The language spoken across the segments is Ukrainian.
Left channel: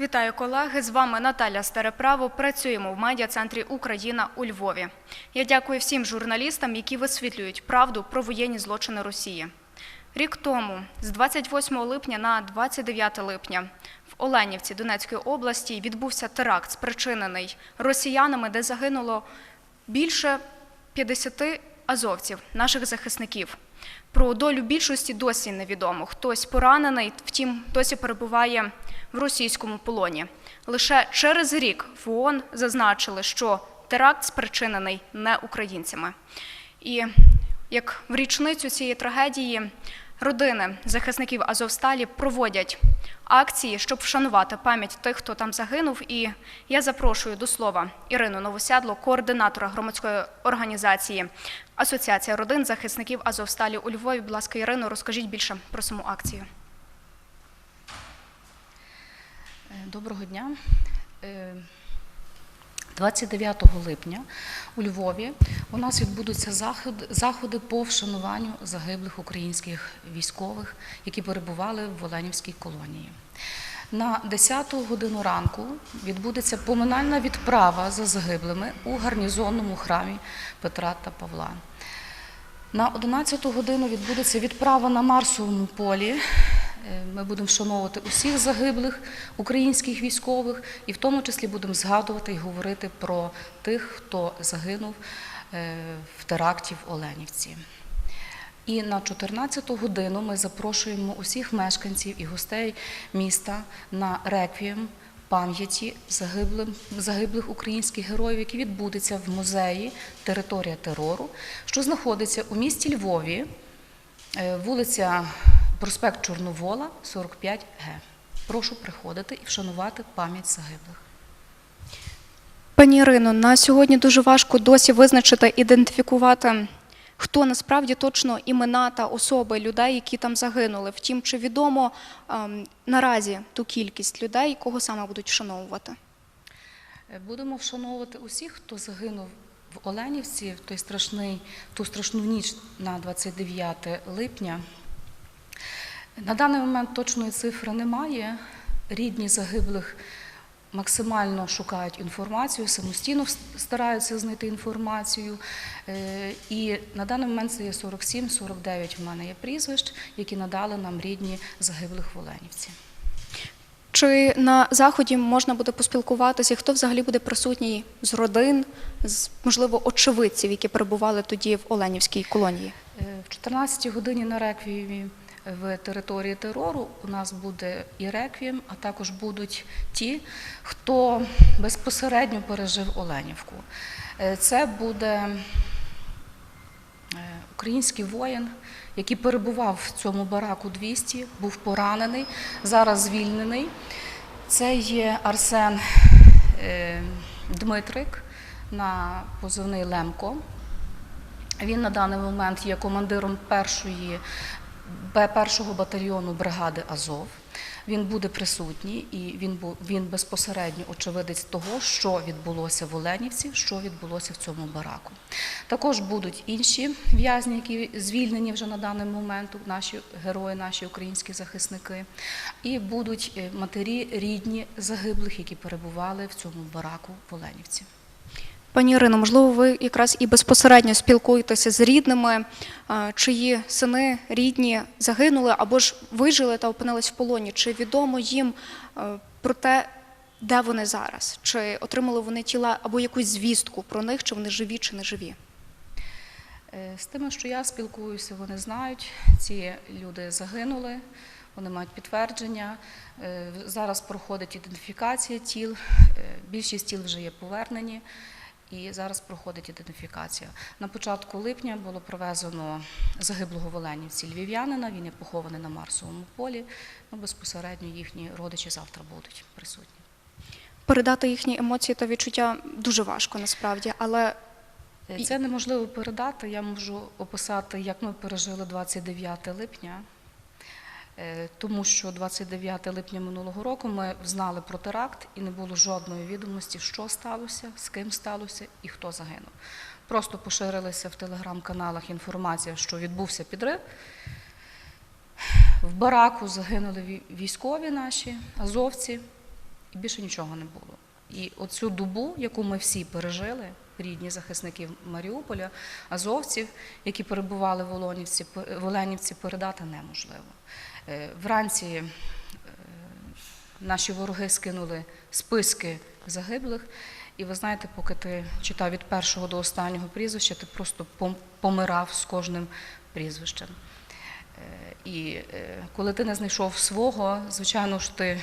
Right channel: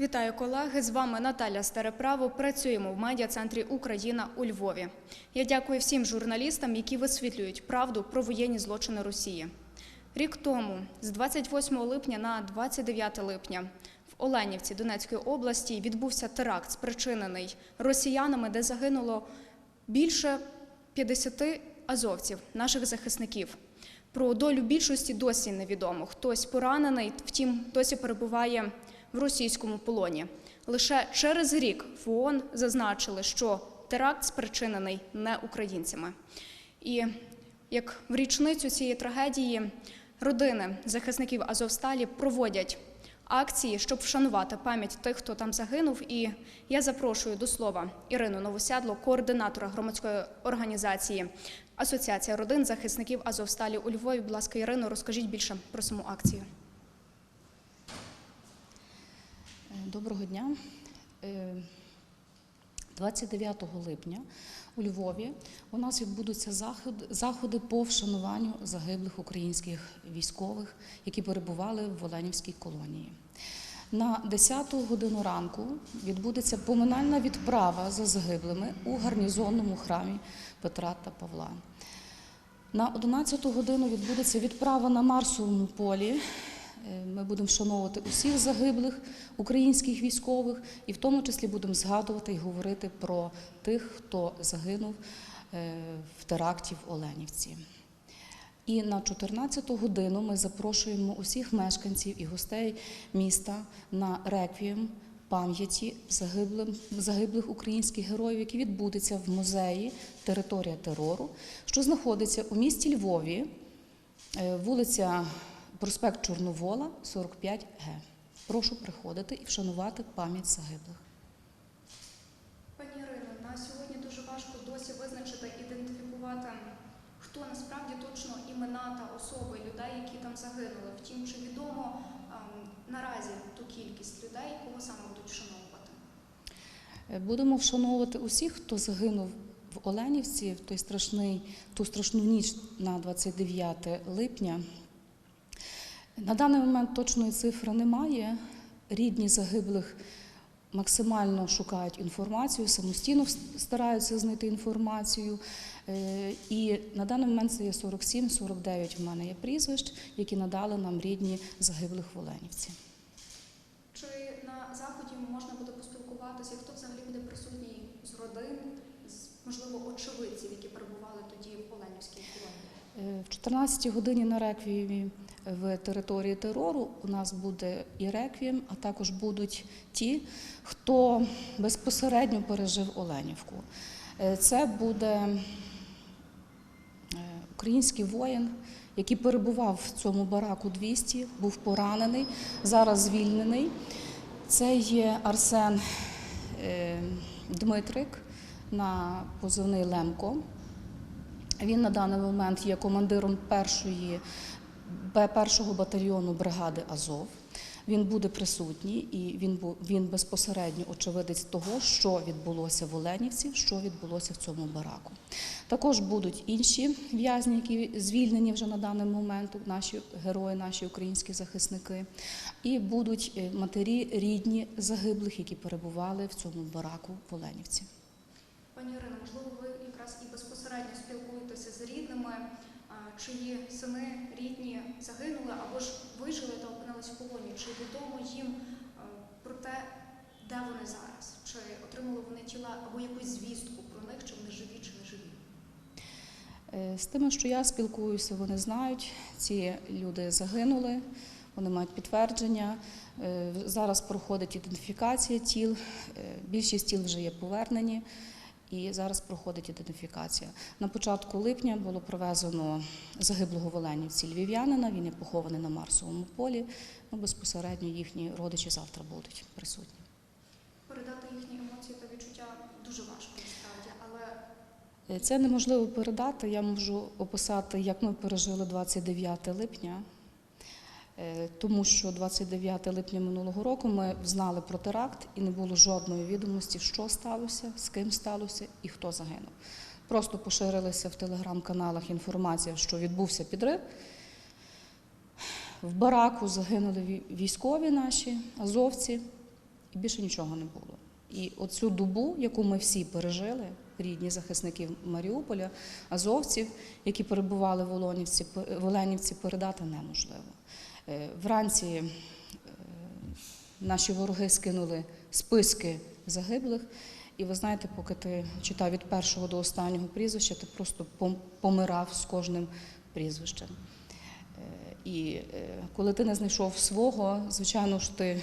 Вітаю колеги! З вами Наталя Стареправо. Працюємо в медіа-центрі Україна у Львові. Я дякую всім журналістам, які висвітлюють правду про воєнні злочини Росії. Рік тому, з 28 липня на 29 липня, в Оленівці Донецької області відбувся теракт, спричинений росіянами, де загинуло більше 50 азовців, наших захисників. Про долю більшості досі невідомо. Хтось поранений, втім, досі перебуває в російському полоні. Лише через рік в ООН зазначили, що теракт спричинений не українцями. І як в річницю цієї трагедії родини захисників Азовсталі проводять акції, щоб вшанувати пам'ять тих, хто там загинув. І я запрошую до слова Ірину Новосядло, координатора громадської організації Асоціація родин захисників Азовсталі у Львові. Будь ласка, Ірино, розкажіть більше про саму акцію. Е, Доброго дня. Е, 29 липня у Львові у нас відбудуться заходи по вшануванню загиблих українських військових, які перебували в Оленівській колонії. На 10 годину ранку відбудеться поминальна відправа за загиблими у гарнізонному храмі Петра та Павла. На 11 годину відбудеться відправа на Марсовому полі. Е, Ми будемо вшановувати усіх загиблих українських військових, і в тому числі будемо згадувати і говорити про тих, хто загинув е, в теракті в Оленівці. І на 14-ту годину ми запрошуємо усіх мешканців і гостей міста на реквієм пам'яті загиблих українських героїв, який відбудеться в музеї Територія терору, що знаходиться у місті Львові, е, вулиця проспект Чорновола, 45 Г. Прошу приходити і вшанувати пам'ять загиблих. Пані Ірино, на сьогодні дуже важко досі визначити, ідентифікувати, хто насправді точно імена та особи людей, які там загинули. Втім, чи відомо ем, наразі ту кількість людей, кого саме будуть вшановувати? Е, Будемо вшановувати усіх, хто загинув в Оленівці в той страшний, ту страшну ніч на 29 липня. На даний момент точної цифри немає. Рідні загиблих максимально шукають інформацію, самостійно стараються знайти інформацію. Е, І на даний момент це є 47-49 в мене є прізвищ, які надали нам рідні загиблих в Оленівці. Чи на заході можна буде поспілкуватися, хто взагалі буде присутній з родин, з можливо очевидців, які перебували тоді в Оленівській колонії? Е, В 14 годині на реквіємі в території терору у нас буде і реквієм, а також будуть ті, хто безпосередньо пережив Оленівку. Е, Це буде е, український воїн, який перебував в цьому бараку 200, був поранений, зараз звільнений. Це є Арсен е, Дмитрик на позивний Лемко. Він на даний момент є командиром першої Б- першого батальйону бригади Азов. Він буде присутній і він він безпосередньо очевидець того, що відбулося в Оленівці, що відбулося в цьому бараку. Також будуть інші в'язні, які звільнені вже на даний момент, наші герої, наші українські захисники, і будуть е, матері рідні загиблих, які перебували в цьому бараку в Оленівці. Пані Ірино, можливо, ви якраз і безпосередньо спілкуєтеся з рідними, чиї сини рідні загинули або ж вижили та опинились в полоні. Чи відомо їм е, про те, де вони зараз? Чи отримали вони тіла або якусь звістку про них, чи вони живі, чи не живі? Е, З тими, що я спілкуюся, вони знають, ці люди загинули, вони мають підтвердження. Е, Зараз проходить ідентифікація тіл, е, більшість тіл вже є повернені. І зараз проходить ідентифікація. На початку липня було привезено загиблого в Оленівці львів'янина. Він є похований на Марсовому полі. Ну, безпосередньо їхні родичі завтра будуть присутні. Передати їхні емоції та відчуття дуже важко насправді, але Е, Це неможливо передати. Я можу описати, як ми пережили 29 липня, тому що 29 липня минулого року ми знали про теракт і не було жодної відомості, що сталося, з ким сталося і хто загинув. Просто поширилася в телеграм-каналах інформація, що відбувся підрив. В бараку загинули військові наші, азовці. і більше нічого не було. І оцю добу, яку ми всі пережили, рідні захисники Маріуполя, азовців, які перебували в Олонівці, в Оленівці, передати неможливо. Е, Вранці е, наші вороги скинули списки загиблих. І ви знаєте, поки ти читав від першого до останнього прізвища, ти просто помирав з кожним прізвищем. Е, І коли ти не знайшов свого, звичайно ж ти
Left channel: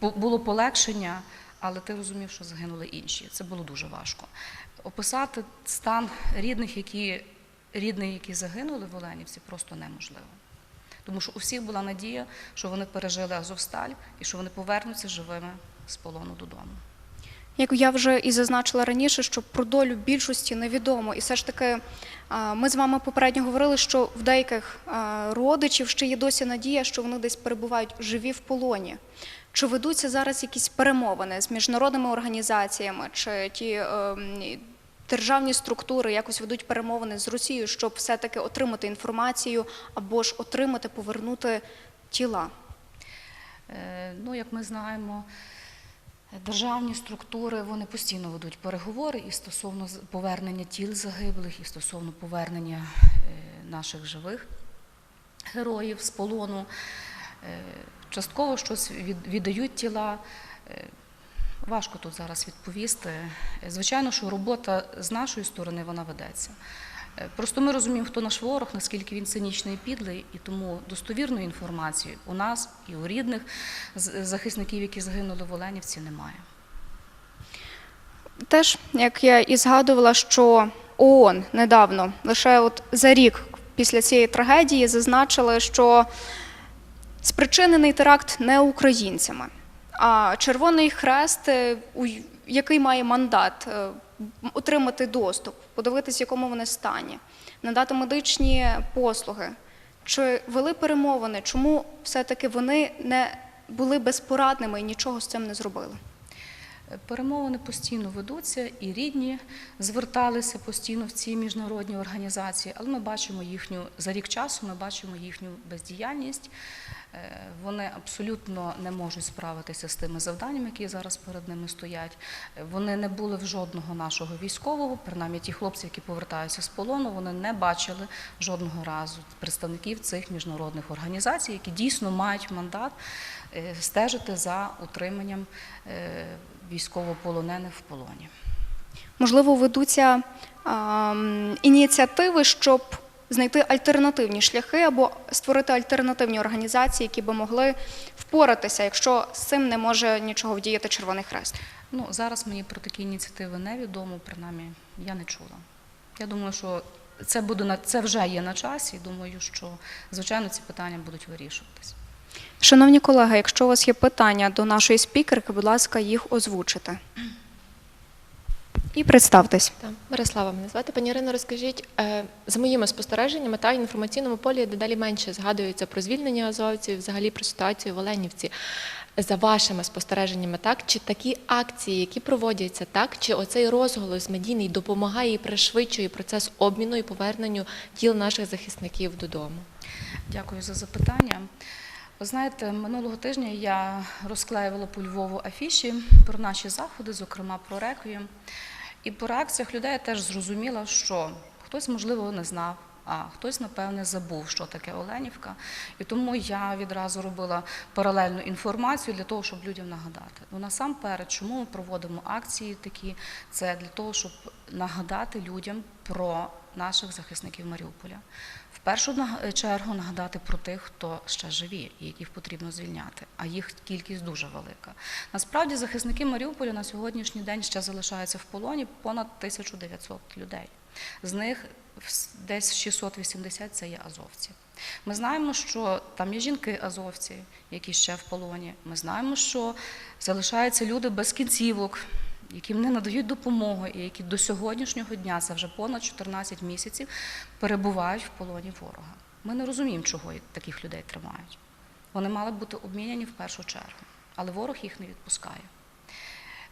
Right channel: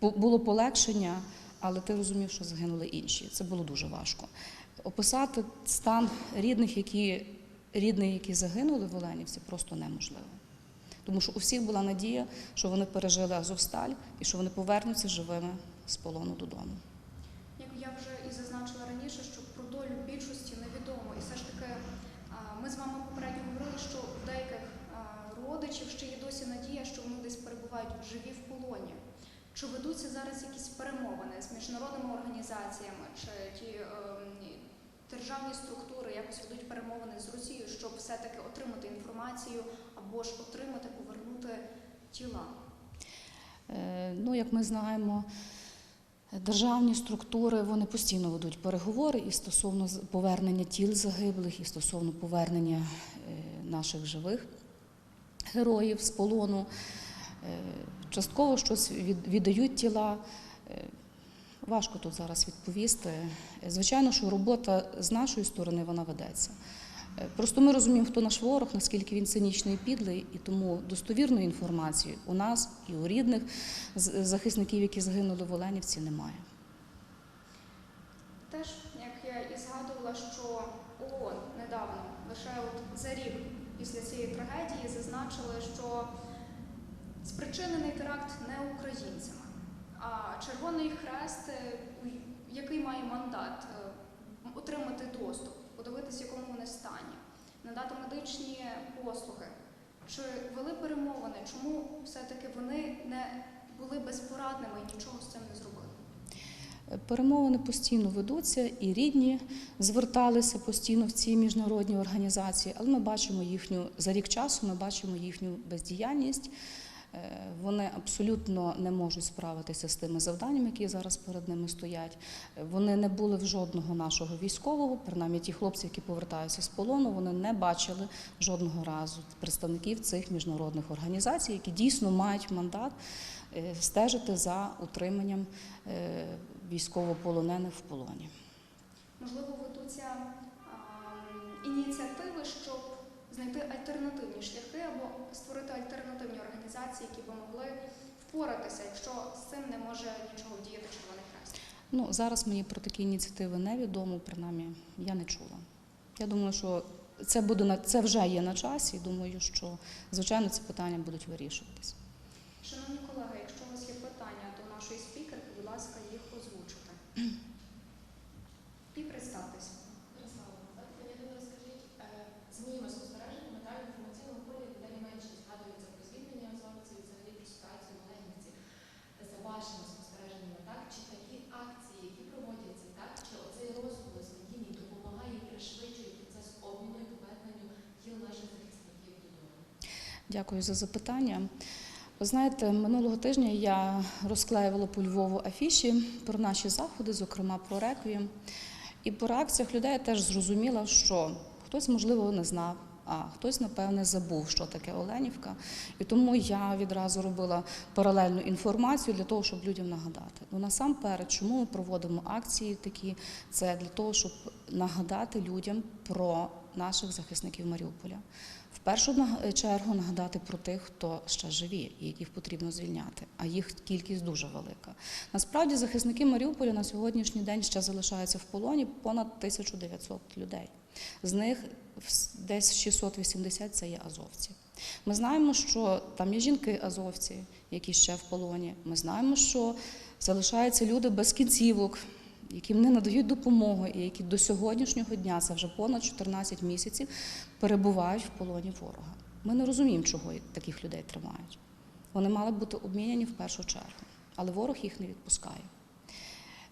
було полегшення, але ти розумів, що загинули інші. Це було дуже важко. Описати стан рідних, які рідних, які загинули в Оленівці, просто неможливо. Тому що у всіх була надія, що вони пережили Азовсталь і що вони повернуться живими з полону додому. Як я вже і зазначила раніше, що про долю більшості невідомо. І все ж таки, ми з вами попередньо говорили, що в деяких родичів ще є досі надія, що вони десь перебувають живі в полоні. Чи ведуться зараз якісь перемовини з міжнародними організаціями, чи ті ем, державні структури якось ведуть перемовини з Росією, щоб все-таки отримати інформацію або ж отримати, повернути тіла? Е, Ну, як ми знаємо, державні структури вони постійно ведуть переговори і стосовно повернення тіл загиблих, і стосовно повернення е, наших живих героїв з полону. Частково щось віддають тіла. Е, Важко тут зараз відповісти. Звичайно, що робота з нашої сторони вона ведеться. Е, Просто ми розуміємо, хто наш ворог, наскільки він цинічний і підлий, і тому достовірної інформації у нас і у рідних захисників, які загинули в Оленівці, немає. Теж, як я і згадувала, що ООН недавно, лише от за рік після цієї трагедії, зазначили, що спричинений теракт не українцями, а Червоний Хрест, е, який має мандат е, отримати доступ, подивитися, в якому вони стані, надати медичні послуги. Чи вели перемовини? Чому все-таки вони не були безпорадними і нічого з цим не зробили? Перемовини постійно ведуться, і рідні зверталися постійно в ці міжнародні організації, але ми бачимо їхню за рік часу. Ми бачимо їхню бездіяльність. Е, Вони абсолютно не можуть справитися з тими завданнями, які зараз перед ними стоять. Вони не були в жодного нашого військового, принаймні ті хлопці, які повертаються з полону, вони не бачили жодного разу представників цих міжнародних організацій, які дійсно мають мандат стежити за утриманням е, військовополонених в полоні. Можливо, ведуться ем, ініціативи, щоб знайти альтернативні шляхи або створити альтернативні організації, які би могли впоратися, якщо з цим не може нічого вдіяти Червоний Хрест. Ну зараз мені про такі ініціативи невідомо, принаймні я не чула. Я думаю, що це буде на це вже є на часі. і Думаю, що звичайно ці питання будуть вирішуватись. Шановні колеги, якщо у вас є питання до нашої спікерки, будь ласка, їх озвучите. І представтесь. Так, Мирослава мене звати. Пані Ірино, розкажіть, е, за моїми спостереженнями, та інформаційному полі дедалі менше згадується про звільнення азовців, взагалі про ситуацію в Оленівці. За вашими спостереженнями, так чи такі акції, які проводяться, так чи оцей розголос медійний допомагає і пришвидшує процес обміну і поверненню тіл наших захисників додому? Дякую за запитання. Ви знаєте, минулого тижня я розклеювала по Львову афіші про наші заходи, зокрема про реквієм. І по реакціях людей я теж зрозуміла, що хтось, можливо, не знав, а хтось, напевне, забув, що таке Оленівка. І тому я відразу робила паралельну інформацію для того, щоб людям нагадати. Ну насамперед, чому ми проводимо акції такі? Це для того, щоб нагадати людям про наших захисників Маріуполя. В першу чергу нагадати про тих, хто ще живі і яких потрібно звільняти, а їх кількість дуже велика. Насправді захисники Маріуполя на сьогоднішній день ще залишаються в полоні понад 1900 людей. З них десь 680 це є азовці. Ми знаємо, що там є жінки-азовці, які ще в полоні. Ми знаємо, що залишаються люди без кінцівок, яким не надають допомогу, і які до сьогоднішнього дня, це вже понад 14 місяців, перебувають в полоні ворога. Ми не розуміємо, чого таких людей тримають. Вони мали бути обміняні в першу чергу, але ворог їх не відпускає.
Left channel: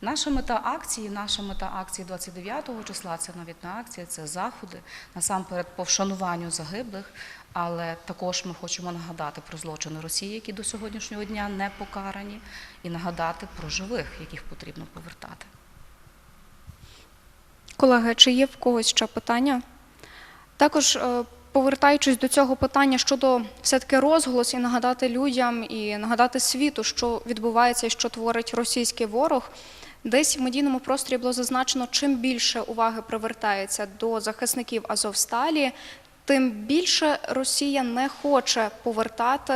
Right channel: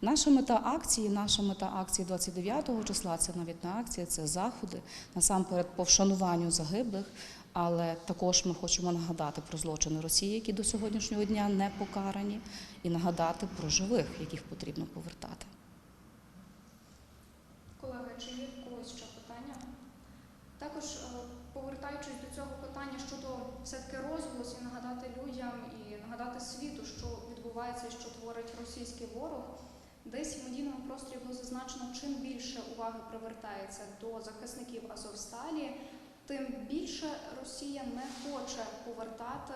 Наша мета акції, наша мета акції 29 числа, це навіть не акція, це заходи насамперед по вшануванню загиблих. Але також ми хочемо нагадати про злочини Росії, які до сьогоднішнього дня не покарані, і нагадати про живих, яких потрібно повертати. Колеги, чи є в когось ще питання? Також е, повертаючись до цього питання щодо все-таки розголос і нагадати людям і нагадати світу, що відбувається і що творить російський ворог. Десь в медійному просторі було зазначено, чим більше уваги привертається до захисників Азовсталі, тим більше Росія не хоче повертати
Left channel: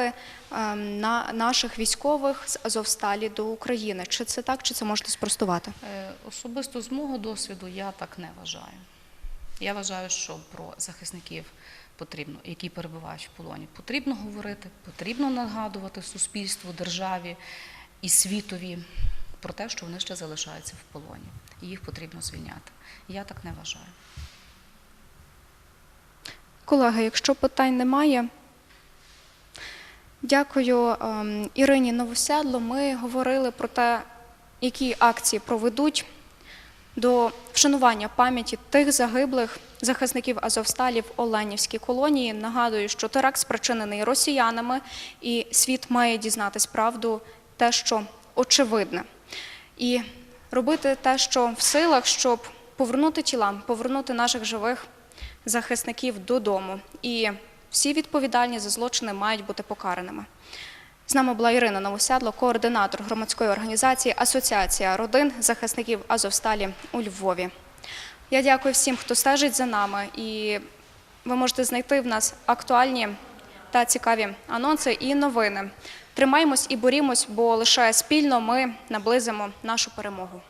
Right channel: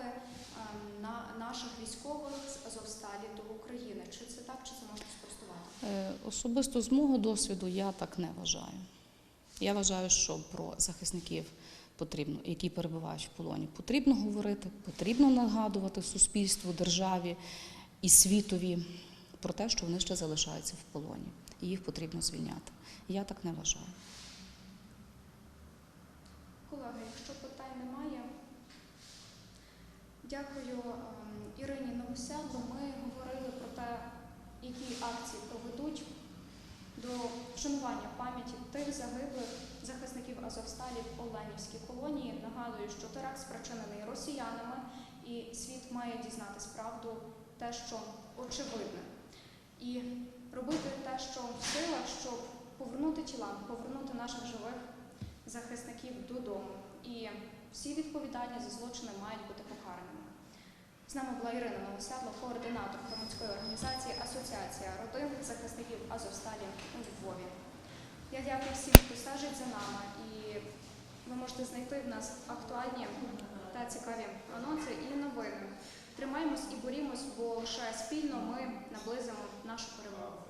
ем, на наших військових з Азовсталі до України. Чи це так, чи це можете спростувати? Е, Особисто з мого досвіду я так не вважаю. Я вважаю, що про захисників потрібно, які перебувають в полоні, потрібно говорити, потрібно нагадувати суспільству, державі і світові про те, що вони ще залишаються в полоні, і їх потрібно звільняти. Я так не вважаю. Колеги, якщо питань немає, дякую ем, Ірині Новосядло. Ми говорили про те, які акції проведуть до вшанування пам'яті тих загиблих захисників Азовсталі в Оленівській колонії. Нагадую, що теракт спричинений росіянами, і світ має дізнатись правду, те, що очевидне, і робити те, що в силах, щоб повернути тіла, повернути наших живих захисників додому. І всі відповідальні за злочини мають бути покараними. З нами була Ірина Новосядло, координатор громадської організації Асоціація родин захисників Азовсталі у Львові. Я дякую всім, хто стежить за нами, і ви можете знайти в нас актуальні та цікаві анонси і новини. Тримаємось і борімось, бо лише спільно ми наблизимо нашу перемогу.